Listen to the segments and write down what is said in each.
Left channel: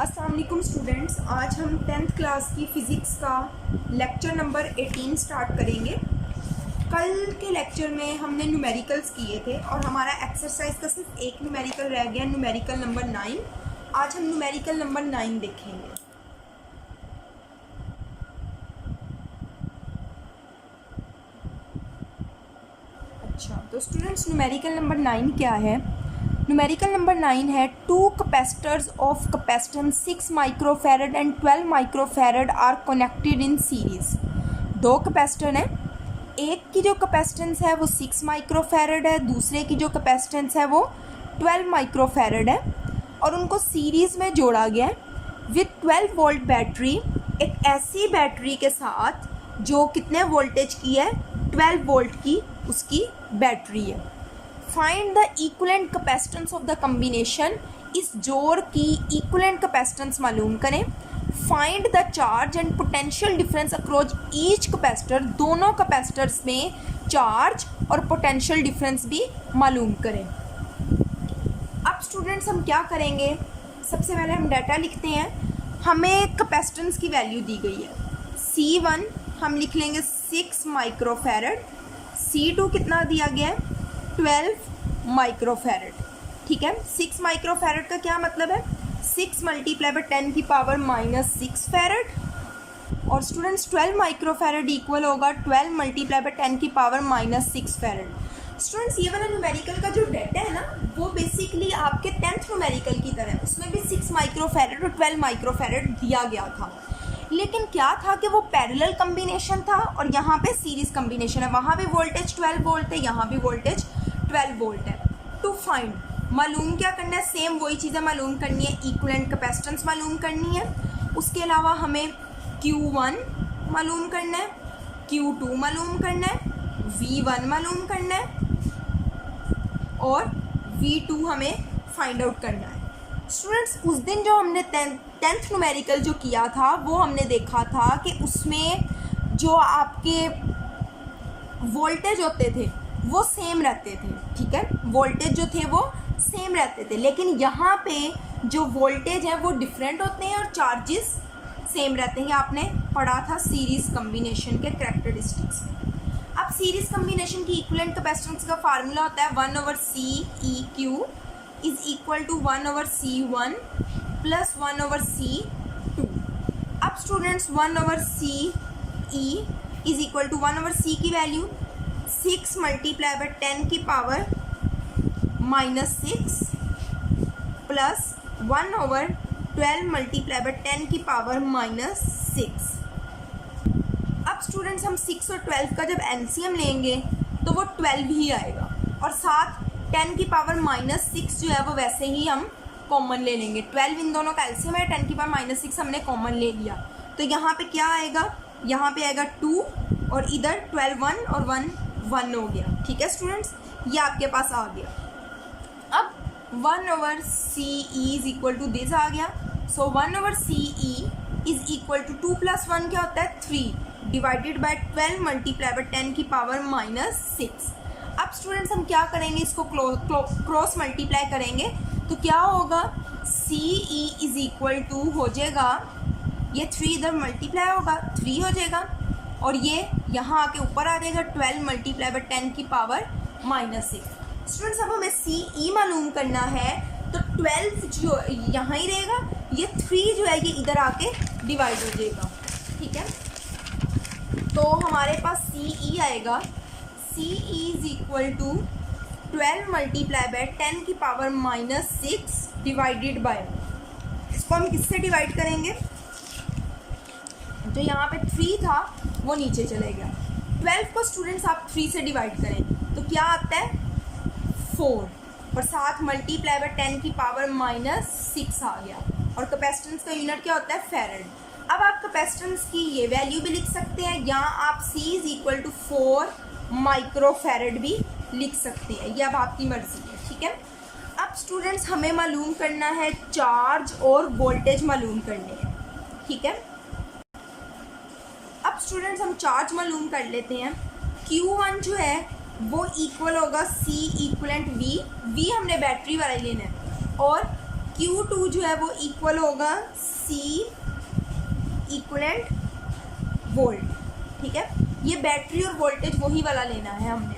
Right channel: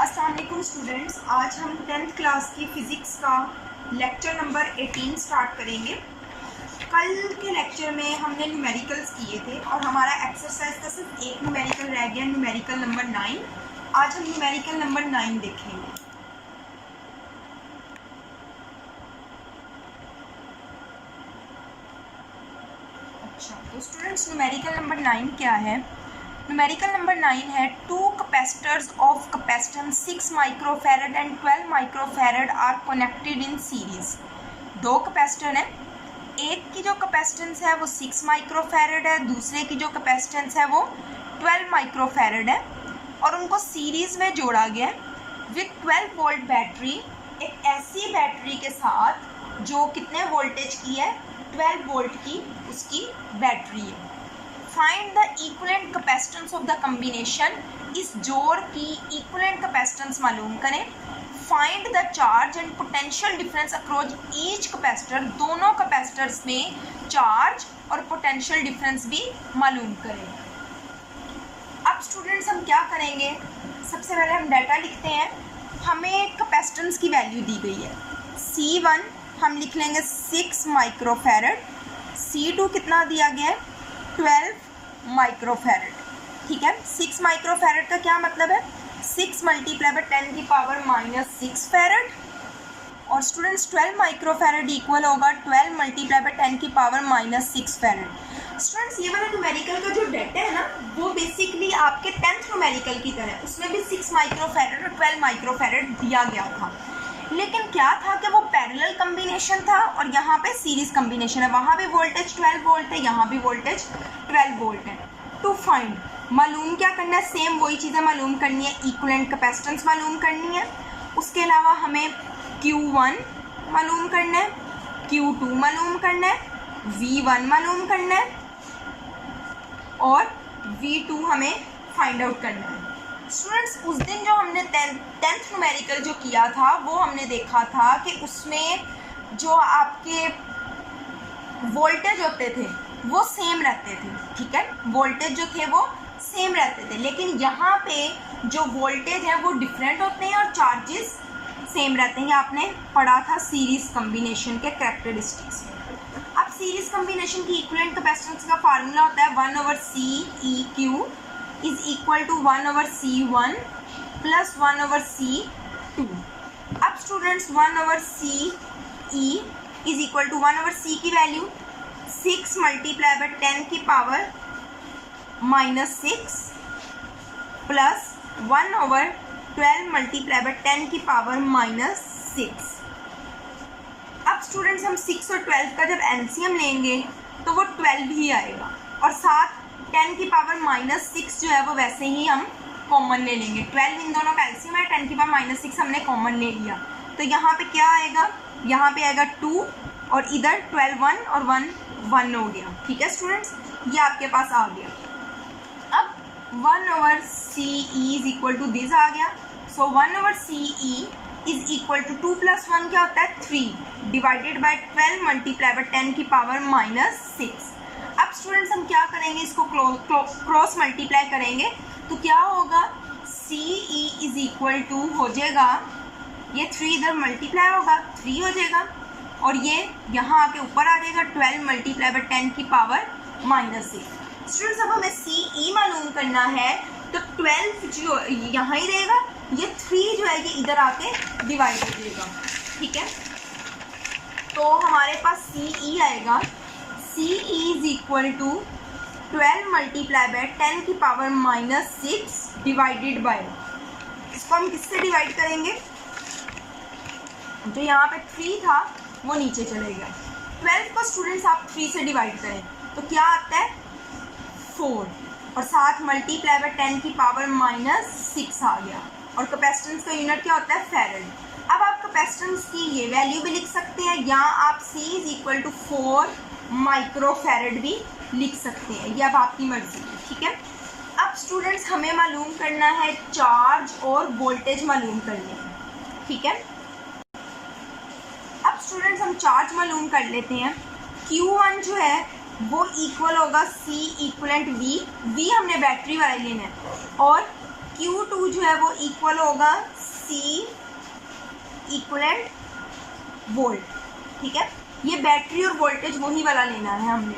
अस्सलाम वालेकुम स्टूडेंट्स, आज हम 10th क्लास की फ़िज़िक्स का लेक्चर नंबर 18 स्टार्ट करेंगे। कल के लेक्चर में हमने न्यूमेरिकल्स किए थे और हमारा एक्सरसाइज का सिर्फ एक न्यूमेरिकल रह गया, न्यूमेरिकल नंबर 9। आज हम न्यूमेरिकल नंबर 9 देखेंगे। अच्छा, तो स्टूडेंट्स न्यूमेरिकल नंबर 9 क्या है? न्यूमेरिकल नंबर 9 है 2 capacitors of capacitance 6 microfarad and 12 microfarad are connected in series. दो कैपेसिटर हैं, एक की जो कैपेसिटेंस है वो 6 माइक्रोफैरड है, दूसरे की जो कैपेसिटेंस है वो 12 माइक्रोफैरड है और उनको सीरीज़ में जोड़ा गया है विथ 12 वोल्ट बैटरी। एक ऐसी बैटरी के साथ जो कितने वोल्टेज की है, 12 वोल्ट की उसकी बैटरी है। Find the equivalent capacitance of the combination. इस जोड़ की इक्विवेलेंट कैपेसिटेंस मालूम करें। Find the charge and potential difference across each capacitor. दोनों कैपेसिटर्स में चार्ज और पोटेंशियल डिफरेंस भी मालूम करें। अब स्टूडेंट्स हम क्या करेंगे, सबसे पहले हम डाटा लिखते हैं। हमें कैपेसिटेंस की वैल्यू दी गई है C1, हम लिख लेंगे 6 माइक्रोफैरड। C2 कितना दिया गया है, 12 माइक्रोफैरड। ठीक है, 6 माइक्रोफैरड का क्या मतलब है, 6 मल्टीप्लाई बाय 10 की पावर -6 फैरड। और स्टूडेंट्स 12 माइक्रोफैरड इक्वल होगा 12 मल्टीप्लाई बाय 10 की पावर -6 फैरड। स्टूडेंट्स ये वाला न्यूमेरिकल का जो डाटा है ना, वो बेसिकली आपके 10th न्यूमेरिकल की तरह, उसमें भी 6 माइक्रोफैरड और 12 माइक्रोफैरड दिया गया था। लेकिन क्या था कि वो पैरेलल कम्बिनेशन था और यहाँ पे सीरीज़ कम्बिनेशन है। वहाँ भी वोल्टेज 12 वोल्ट है, यहाँ भी वोल्टेज 12 वोल्ट है। टू फाइंड, मालूम क्या करना है, सेम वही चीज़ें मालूम करनी है। इक्विवेलेंट कैपेसिटेंस मालूम करनी है, उसके अलावा हमें Q1 मालूम करना है, Q2 मालूम करना है, V1 मालूम करना है और V2 हमें फाइंड आउट करना है। स्टूडेंट्स उस दिन जो हमने 10th न्यूमेरिकल जो किया था, वो हमने देखा था कि उसमें जो आपके वोल्टेज होते थे वो सेम रहते थे। ठीक है, वोल्टेज जो थे वो सेम रहते थे, लेकिन यहाँ पे जो वोल्टेज हैं वो डिफरेंट होते हैं और चार्जेस सेम रहते हैं। आपने पढ़ा था सीरीज़ कम्बिनेशन के कैरेक्टरिस्टिक्स। अब सीरीज़ कम्बिनेशन की इक्विवेलेंट कैपेसिटेंस का फार्मूला होता है 1/CEQ is equal to 1/C1 plus 1/C2। अब students 1/CE is equal to 1/C की वैल्यू 6 मल्टीप्लाई बाय 10 की पावर -6 प्लस 1/12 मल्टीप्लाई बाय 10 की पावर -6। अब स्टूडेंट्स हम 6 और 12 का जब एलसीएम लेंगे तो वो 12 ही आएगा और साथ 10 की पावर -6 जो है वो वैसे ही हम कॉमन ले लेंगे। 12 इन दोनों का एलसीएम है, 10 की पावर -6 हमने कॉमन ले लिया, तो यहाँ पे क्या आएगा, यहाँ पे आएगा 2 और इधर 12 1 और 1 1 हो गया। ठीक है स्टूडेंट्स, ये आपके पास आ गया। अब 1/CE is equal to this आ गया। So 1/CE is equal to 2 + 1 क्या होता है 3 डिवाइडेड बाय 12 मल्टीप्लाई बाय 10 की पावर -6। अब स्टूडेंट्स हम क्या करेंगे, इसको क्रॉस मल्टीप्लाई करेंगे तो क्या होगा, CE इज इक्वल टू हो जाएगा, ये 3 इधर मल्टीप्लाई होगा 3 हो जाएगा और ये यहाँ आके ऊपर आ जाएगा 12 मल्टीप्लाई बाय 10 की पावर -6। स्टूडेंट्स अब हमें CE मालूम करना है तो 12 जो यहाँ ही रहेगा, ये 3 जो है ये इधर आके डिवाइड हो जाएगा। ठीक है, तो हमारे पास CE आएगा, CE is equal to 12 multiply by 10 की पावर -6 डिवाइडेड बाय, इसको हम किससे डिवाइड करेंगे, जो यहाँ पे 3 था वो नीचे चले गया। 12 को स्टूडेंट्स आप 3 से डिवाइड करें तो क्या आता है 4 और साथ मल्टीप्लाई बाय 10 की पावर -6 आ गया और कैपेसिटेंस का यूनिट क्या होता है फैरड। अब आप कैपेसिटेंस की ये वैल्यू भी लिख सकते हैं या आप C is equal to 4 microfarad भी लिख सकते हैं, ये अब आपकी मर्जी है। ठीक है, अब स्टूडेंट्स हमें मालूम करना है चार्ज और वोल्टेज मालूम करने हैं। ठीक है, अब स्टूडेंट्स हम चार्ज मालूम कर लेते हैं। Q1 जो है वो इक्वल होगा C इक्वलेंट V हमने बैटरी वाला लेना है और Q2 जो है वो इक्वल होगा C इक्वलेंट वोल्ट, ठीक है। ये बैटरी और वोल्टेज वही वाला लेना है हमने।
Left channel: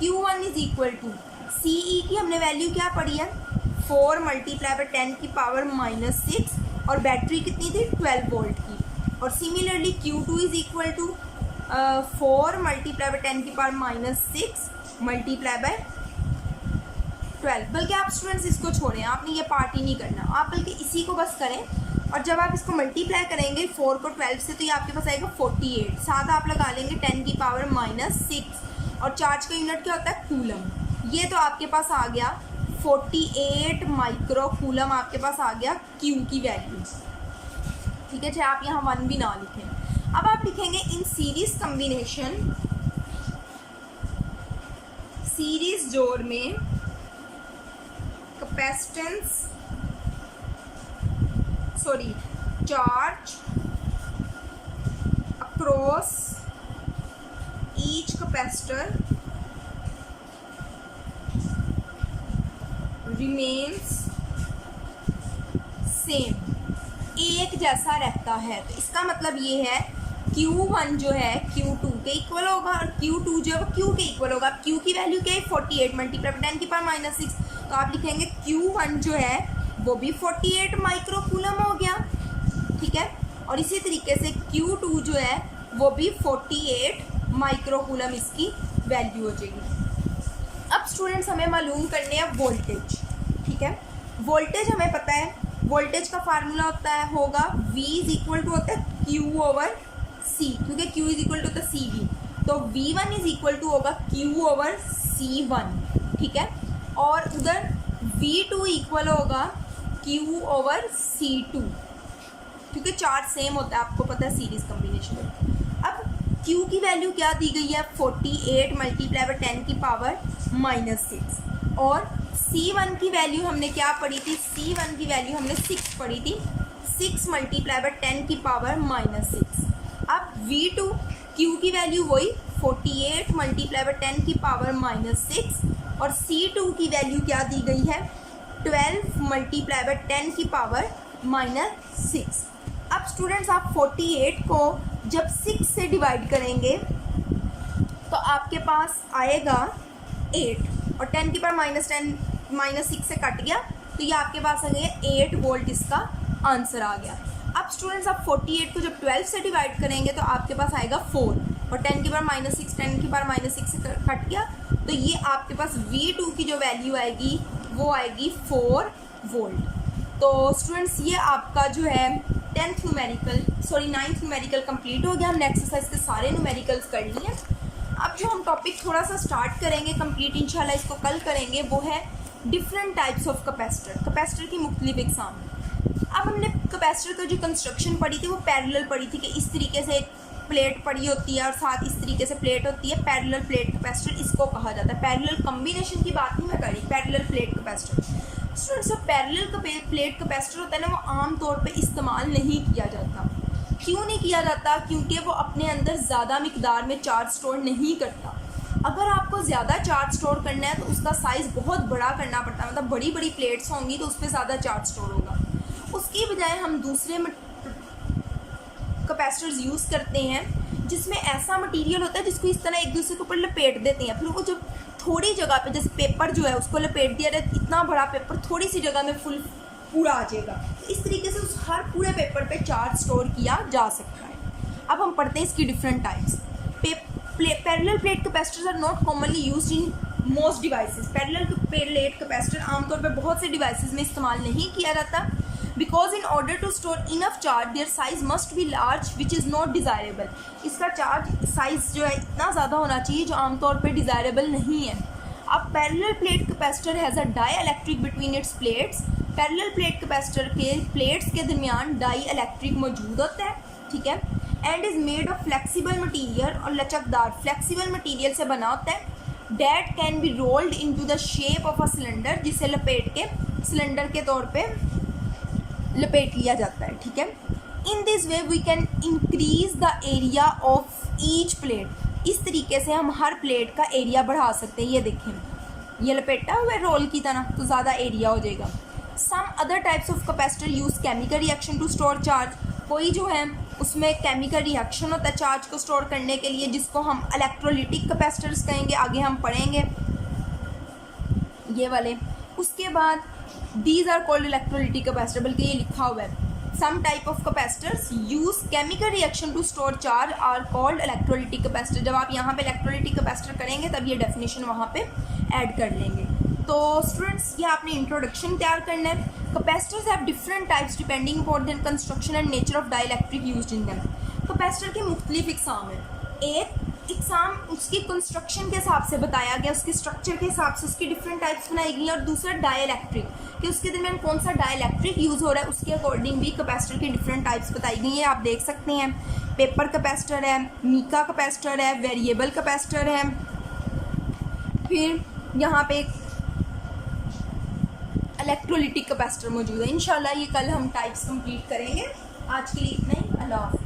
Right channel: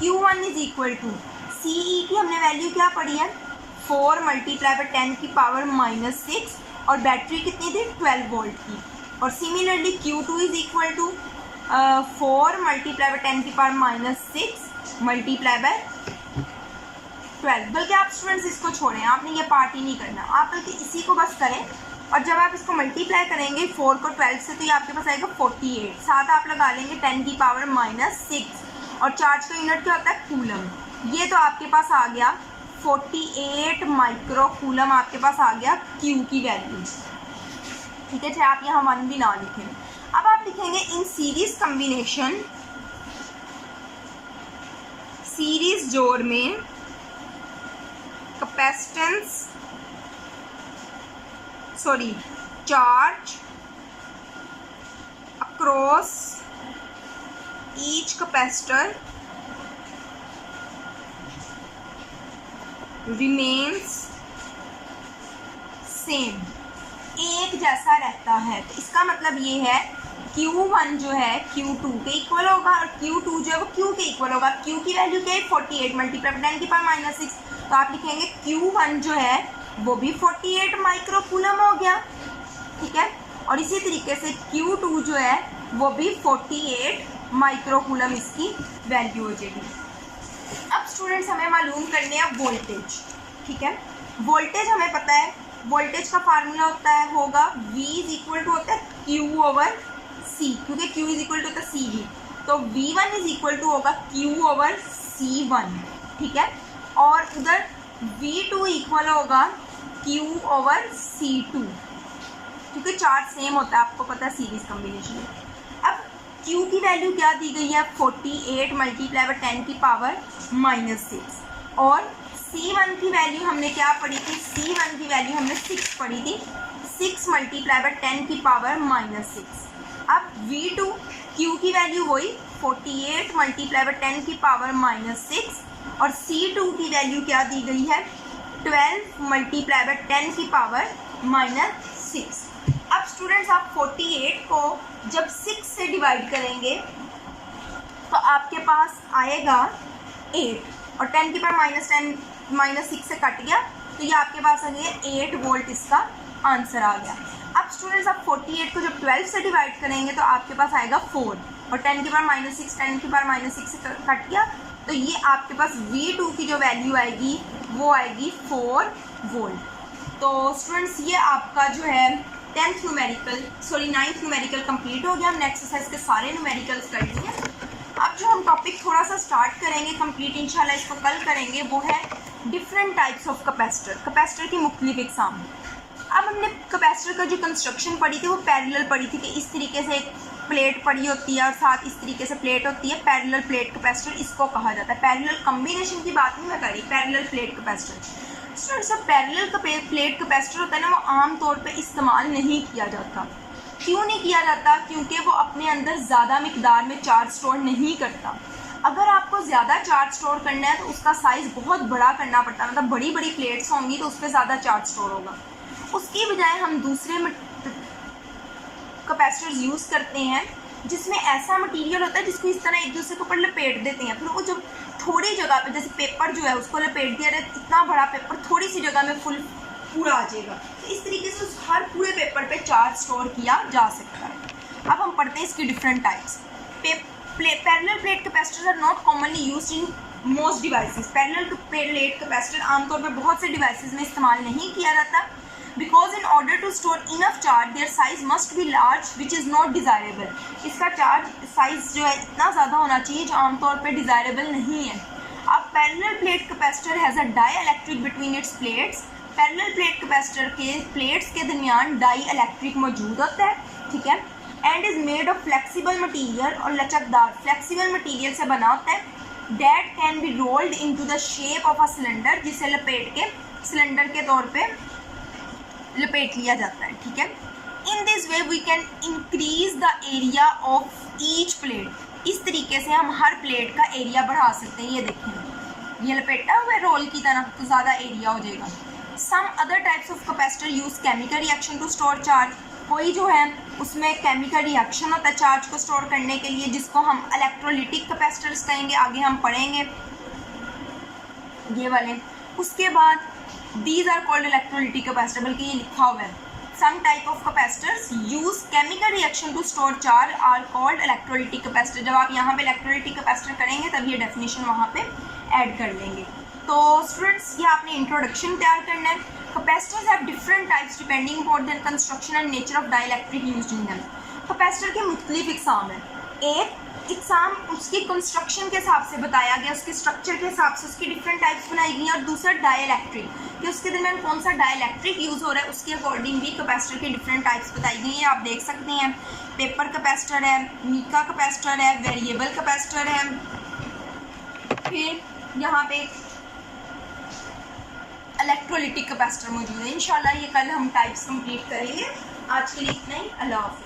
Q1 is equal to CE की हमने वैल्यू क्या पढ़ी है 4 मल्टीप्लाई बाय 10 की पावर -6 और बैटरी कितनी थी 12 वोल्ट की। और similarly Q2 is equal to 4 multiply by 10 की पावर -6 मल्टीप्लाई बाय 12। बल्कि आप स्टूडेंट्स इसको छोड़ें, आपने ये पार्ट ही नहीं करना, आप बल्कि इसी को बस करें। और जब आप इसको मल्टीप्लाई करेंगे 4 को 12 से तो ये आपके पास आएगा 48। साथ आप लगा लेंगे 10 की पावर -6 और चार्ज का यूनिट क्या होता है कूलम। ये तो आपके पास आ गया 48 माइक्रो कूलम, आपके पास आ गया Q की वैल्यू, ठीक है। चाहे आप यहाँ 1 भी ना लिखें। अब आप लिखेंगे इन सीरीज कम्बिनेशन, सीरीज जोड़ में capacitance charge across each capacitor remains same, एक जैसा रहता है। तो इसका मतलब ये है Q1 जो है Q2 के इक्वल होगा और Q2 जो है वो Q के इक्वल होगा। Q की वैल्यू क्या है 48 मल्टीप्लाई 10 की पावर -6, तो आप लिखेंगे Q1 जो है वो भी 48 माइक्रो कूलम हो गया, ठीक है। और इसी तरीके से Q2 जो है वो भी 48 माइक्रो कूलम इसकी वैल्यू हो जाएगी। अब स्टूडेंट्स हमें मालूम करने हैं वोल्टेज, ठीक है। वोल्टेज हमें पता है, वोल्टेज का फार्मूला होगा V इज इक्वल टू होता है Q/C, क्योंकि Q इज इक्वल टू होता है CV, तो V1 इज इक्वल टू होगा Q/C1, ठीक है। और उधर V2 इक्वल होगा Q/C2, क्योंकि चार्ज सेम होता है, आपको पता है सीरीज कम्बिनेशन में। अब Q की वैल्यू क्या दी गई है 48 मल्टीप्लाई बाय 10 की पावर -6 और C1 की वैल्यू हमने क्या पढ़ी थी, C1 की वैल्यू हमने 6 पढ़ी थी, 6 मल्टीप्लाई बाय 10 की पावर -6। अब V2 Q की वैल्यू वही 48 मल्टीप्लाई बाय 10 की पावर -6 और C2 की वैल्यू क्या दी गई है 12 मल्टीप्लाई बाय 10 की पावर -6। अब स्टूडेंट्स आप 48 को जब 6 से डिवाइड करेंगे तो आपके पास आएगा 8 और 10 की पावर -6 से कट गया तो ये आपके पास आ गया 8 वोल्ट, इसका आंसर आ गया। अब स्टूडेंट्स आप 48 को जब 12 से डिवाइड करेंगे तो आपके पास आएगा 4 और 10 की पावर -6, 10 की पावर -6 से कट गया तो ये आपके पास V2 की जो वैल्यू आएगी वो आएगी 4 वोल्ट। तो स्टूडेंट्स ये आपका जो है 9th न्यूमेरिकल कंप्लीट हो गया। हमने एक्सरसाइज के सारे न्यूमेरिकल्स कर लिए हैं। अब जो हम टॉपिक थोड़ा सा स्टार्ट करेंगे कंप्लीट, इंशाल्लाह इसको कल करेंगे, वो है डिफरेंट टाइप्स ऑफ कैपेसिटर की मुख्तलिफ इकसाम। अब हमने कैपेसिटर का जो कंस्ट्रक्शन पढ़ी थी वो पैरेलल पढ़ी थी कि इस तरीके से एक प्लेट पड़ी होती है और साथ इस तरीके से प्लेट होती है, पैरेलल प्लेट कैपेसिटर इसको कहा जाता है। पैरेलल कम्बिनेशन की बात नहीं मैं करी, पैरेलल प्लेट कैपेसिटर। स्टूडेंट्स जब पैरेलल प्लेट कैपेसिटर होता है ना, वो आम तौर पे इस्तेमाल नहीं किया जाता। क्यों नहीं किया जाता? क्योंकि वो अपने अंदर ज़्यादा मिकदार में चार्ज स्टोर नहीं करता। अगर आपको ज़्यादा चार्ज स्टोर करना है तो उसका साइज़ बहुत बड़ा करना पड़ता है, मतलब बड़ी बड़ी प्लेट्स होंगी तो उस पर ज़्यादा चार्ज स्टोर होगा। उसकी बजाय हम दूसरे कैपेसिटर्स यूज़ करते हैं जिसमें ऐसा मटेरियल होता है जिसको इस तरह एक दूसरे के ऊपर लपेट देते हैं, फिर वो जब थोड़ी जगह पे, जैसे पेपर जो है उसको लपेट दिया जाए, इतना बड़ा पेपर थोड़ी सी जगह में पूरा आ जाएगा। तो इस तरीके से उस हर पूरे पेपर पे चार्ज स्टोर किया जा सकता है। अब हम पढ़ते हैं इसकी different types. Parallel plate capacitors are not commonly used in most devices. Parallel plate capacitor आमतौर पर बहुत से डिवाइसेस में इस्तेमाल नहीं किया जाता, because in order to store enough charge their size must be large which is not desirable. इसका चार्ज साइज जो है इतना ज़्यादा होना चाहिए जो आमतौर पर डिज़ायरेबल नहीं है। अब parallel plate capacitor has a dielectric between its plates. Parallel plate capacitor के प्लेट्स के दरमियान डाई इलेक्ट्रिक मौजूद होता है, ठीक है, and is made of flexible material, और लचकदार फ्लेक्सिबल मटीरियल से बना होता है। That can be rolled into the shape of a cylinder, जिसे लपेट के सिलेंडर के तौर पे लपेट लिया जाता है, ठीक है। In this way we can increase the area of each plate. इस तरीके से हम हर प्लेट का एरिया बढ़ा सकते हैं। ये देखें, ये लपेटा हुआ है रोल की तरह तो ज़्यादा एरिया हो जाएगा। Some other types of capacitor use chemical reaction to store charge, कोई जो है उसमें केमिकल रिएक्शन होता है चार्ज को स्टोर करने के लिए, जिसको हम इलेक्ट्रोलिटिक कैपेसिटर्स कहेंगे, आगे हम पढ़ेंगे ये वाले। उसके बाद these are called electrolytic capacitor, बल्कि ये लिखा हुआ है some type of capacitors use chemical reaction to store charge are called electrolytic capacitor. जब आप यहाँ पे इलेक्ट्रोलिटिक कैपेसिटर करेंगे तब ये डेफिनेशन वहाँ पे ऐड कर लेंगे। तो स्टूडेंट्स ये आपने इंट्रोडक्शन तैयार करना है। Capacitors have different types depending upon their construction and nature of dielectric used in them. Capacitor के मुख्तलिफ इकसाम हैं। एक इकसाम उसकी कंस्ट्रक्शन के हिसाब से बताया गया, उसके स्ट्रक्चर के हिसाब से उसकी डिफरेंट टाइप्स बनाई गई, और दूसरा डाइलेक्ट्रिक कि उसके दरमियान कौन सा डाइलेक्ट्रिक यूज़ हो रहा है, उसके अकॉर्डिंग भी कैपेसिटर की डिफरेंट टाइप्स बताई गई हैं। आप देख सकते हैं पेपर कैपेसिटर है, मीका कैपेसिटर है, वेरिएबल कैपेसिटर है, फिर यहाँ पे इलेक्ट्रोलिटिक कैपेसिटर मौजूद है। इंशाल्लाह ये कल हम टाइप्स कंप्लीट करेंगे। आज के लिए इतना ही। अल्लाह हाफ़िज़।